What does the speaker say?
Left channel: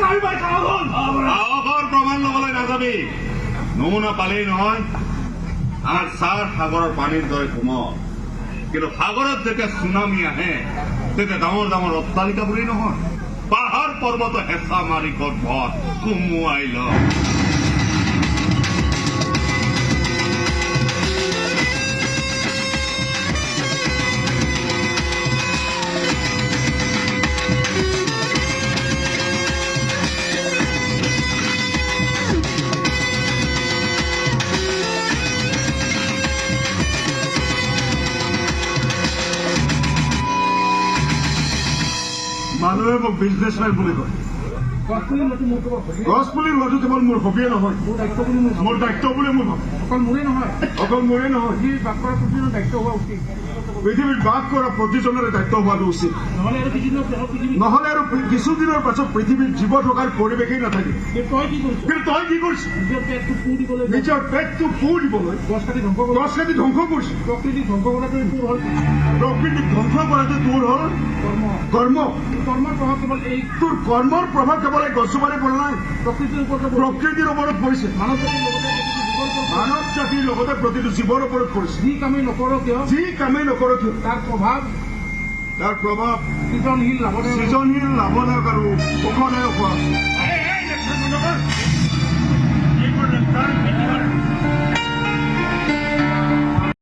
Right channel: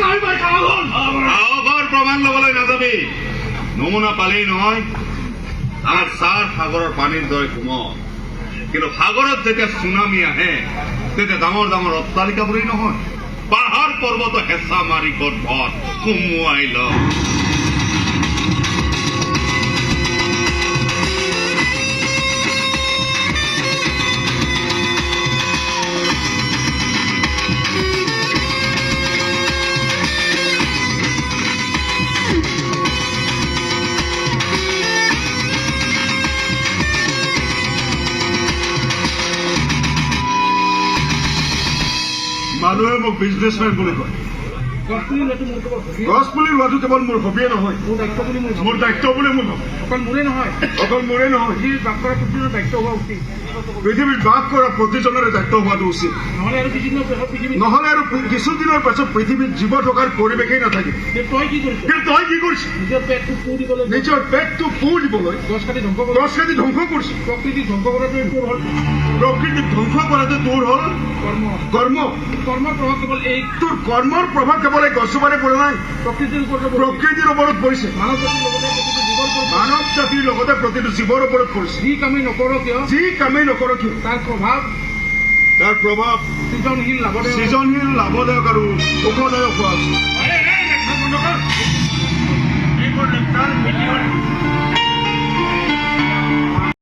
সাহসৰ প্ৰমাণ ল'বলৈ নাযাবি। নমুনা পালেই নহয়, আমাৰ ছাৰ সাগৰৰ পানীৰ দৰে কোমল, কিন্তু সাগৰত যেতিয়া চুনামি আহে তেতিয়া ডাঙৰ ডাঙৰ অট্টালিকাবোৰেই নহয়, পাহাৰ পৰ্বত হেঁচা মাৰি গৰ্ভত সুমুৱাই লয়। মানুহে মোক বিজনেছমেন বুলি কয়। গছ পুলি ৰোৱাটো কেৱল মোৰ হবিয়ে নহয়, মোৰ দায়িত্ব বুলি মই ভাবোঁ। অকল মোৰে নহয়, পৃথিৱীত বাস কৰা প্ৰতিজনৰে দায়িত্ব হোৱাটো উচিত। নহ'লে আৰু কিছুদিনৰ পাছত পৃথিৱীত জীৱ থকাৰ পৰিৱেশেই নাথাকে। কিন্তু তই কি কৰিছ? নিজৰ পেটটো পু দিবলৈ গছ কাটি ধ্বংস কৰিছ। প্ৰকৃতিক ধ্বংস কৰাটো তোৰ হ'ল কৰ্ম। তোৰ কৰ্মৰ প্ৰভাৱ কেৱল এই গছজোপাৰে পৰা নাই, প্ৰকৃতিৰ ওপৰত পৰিছে, মানৱ জাতিৰ লগতে প্ৰতিটো জীৱৰ ওপৰত পৰিছে। যি কামেই নকৰো কিয় তাৰ প্ৰভাৱ সৃজনশীল লাভদায়ক আৰু সুখদায়ক হোৱা আছে।